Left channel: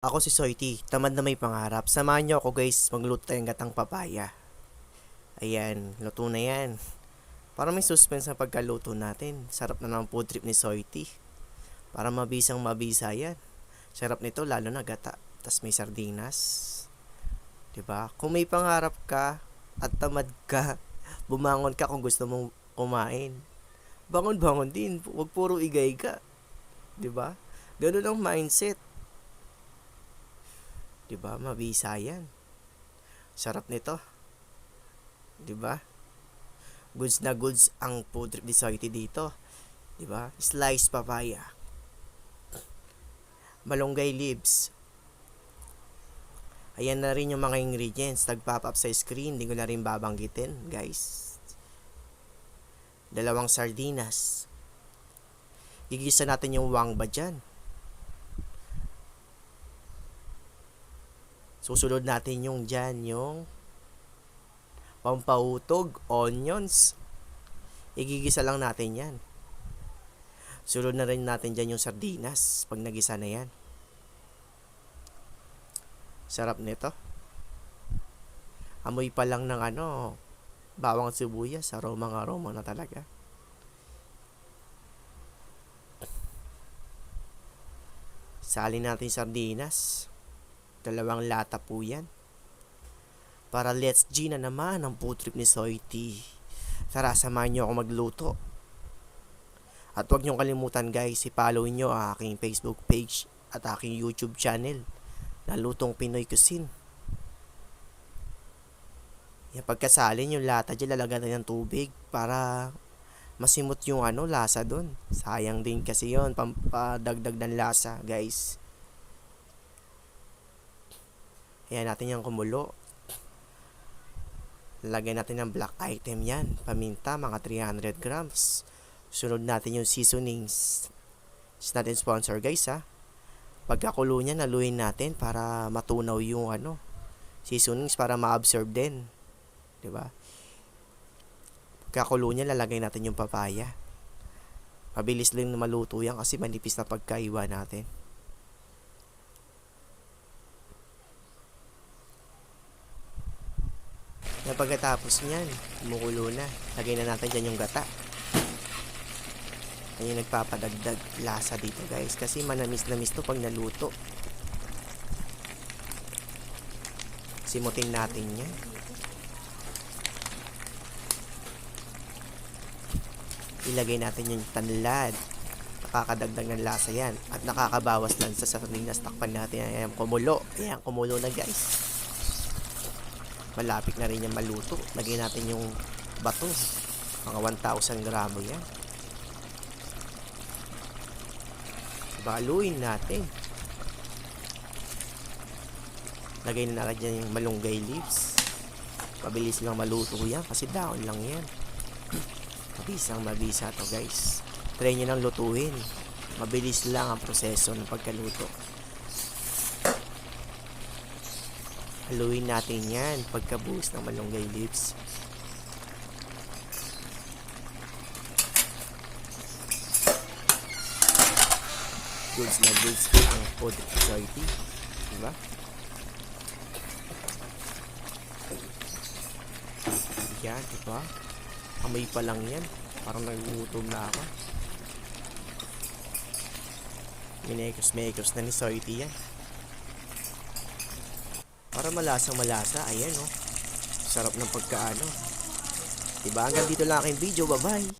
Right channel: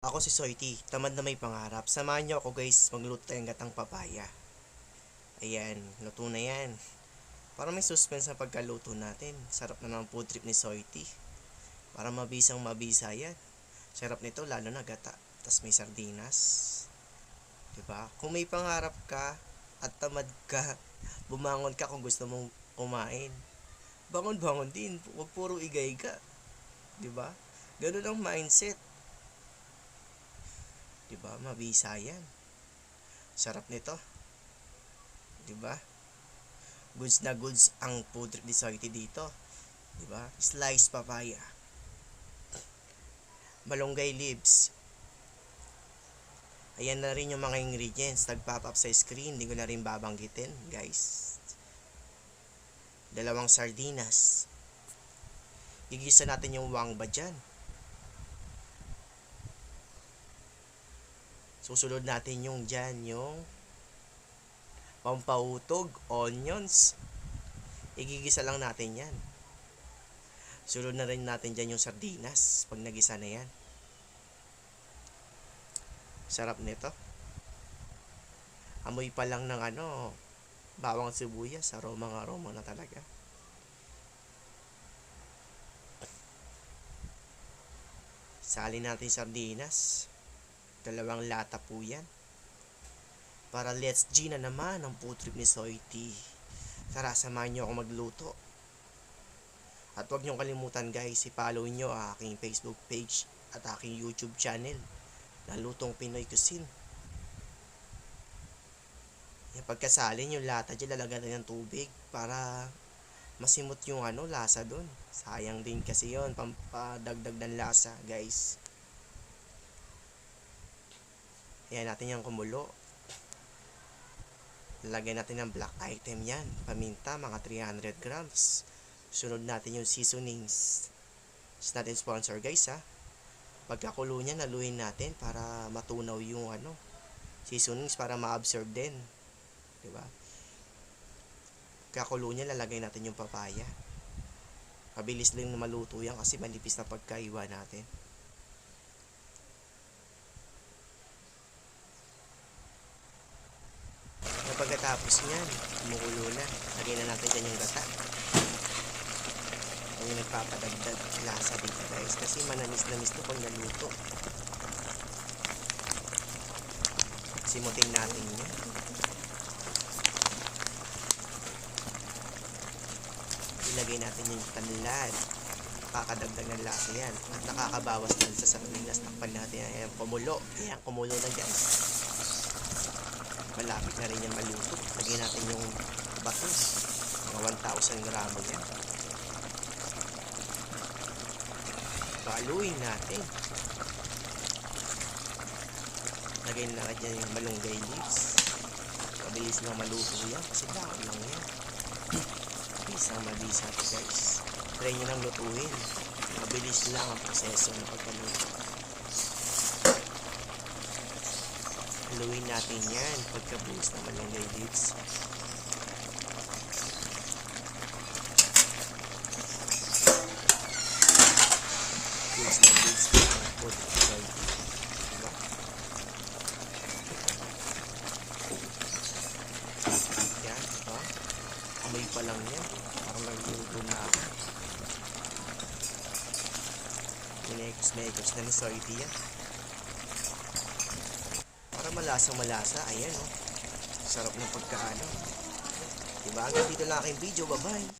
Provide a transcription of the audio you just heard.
Ako si Soity, tamad na may pangarap. Samahan niyo ako guys, magluto tayong gatang papaya. Ayan, luto na yan. Para may suspense sa pagkaluto natin. Sarap na ng food trip ni Soity. Para mabisang mabisa yan. Sarap nito lalo na gata. Tas may sardinas. 'Di ba? Kung may pangarap ka at tamad ka, bumangon ka kung gusto mong kumain. Bangon-bangon din, huwag puro igay ka. 'Di ba? Ganun ang mindset. 'Di ba? Mabisa yan. Sarap nito, 'di ba? Goods na goods ang food trip ni Soity dito, 'di ba? Sliced papaya, malunggay leaves. Ayan na rin yung mga ingredients. Nag-pop up sa screen, hindi ko na rin babanggitin, guys. Dalawang sardinas. Gigisa natin yung wangba dyan. Susunod natin yung dyan, yung pampahutog, onions. Igigisa lang natin yan. Sunod na rin natin dyan yung sardinas pag nagisa na yan. Sarap nito. Amoy pa lang ng bawang sibuyas, aroma na talaga. Salin natin sardinas. Dalawang lata po yan. Para let's G na naman ang food trip ni Soity. Tara, samahan nyo ako magluto. At huwag nyo kalimutan guys, i-follow nyo ang aking Facebook page at aking YouTube channel na Lutong Pinoy Cuisine. Yung pagkasalin yung lata dyan, lalagyan natin ng tubig para masimot yung lasa dun. Sayang din kasi yon, pampadagdag ng lasa guys. Ayan natin yung kumulo. Lagyan natin ng black item yan. Paminta, mga 300 grams. Sunod natin yung seasonings. It's natin sponsor guys ha. Pagkakulo niya, naluin natin para matunaw yung seasonings para ma-absorb din. 'Di ba? Pagkakulo niya, lalagay natin yung papaya. Mabilis lang na maluto yan kasi manipis na pagkaiwa natin. Pagkatapos niyan, kumukulo na. Lagay na natin dyan yung gata. Yan yung nagpapadagdag lasa dito guys. Kasi manamis-namis to pag naluto. Simutin natin yan. Ilagay natin yung tanlad. Nakakadagdag ng lasa yan. At nakakabawas lang sa sardinas. Takpan natin. Ayan, kumulo. Ayan, kumulo na guys. Malapit na rin yung maluto. Lagyan natin yung bato. Mga 1,000 gramo yan. Baluin natin. Lagyan na natin yung malunggay leaves. Mabilis lang maluto yan kasi daon lang yan. Mabisang mabisa to guys. Try nyo nang lutuin. Mabilis lang ang proseso ng pagkaluto. Haluin natin yan pagkabuhos ng malunggay leaves. Goods na goods ang food quality. Diba? Yan, diba? Amoy pa lang yan. Parang nagluluto na ako. Minekos na ni Soity yan. Para malasang malasa. Ayan Sarap ng pagkaano. Diba? Hanggang dito lang aking video. Bye bye.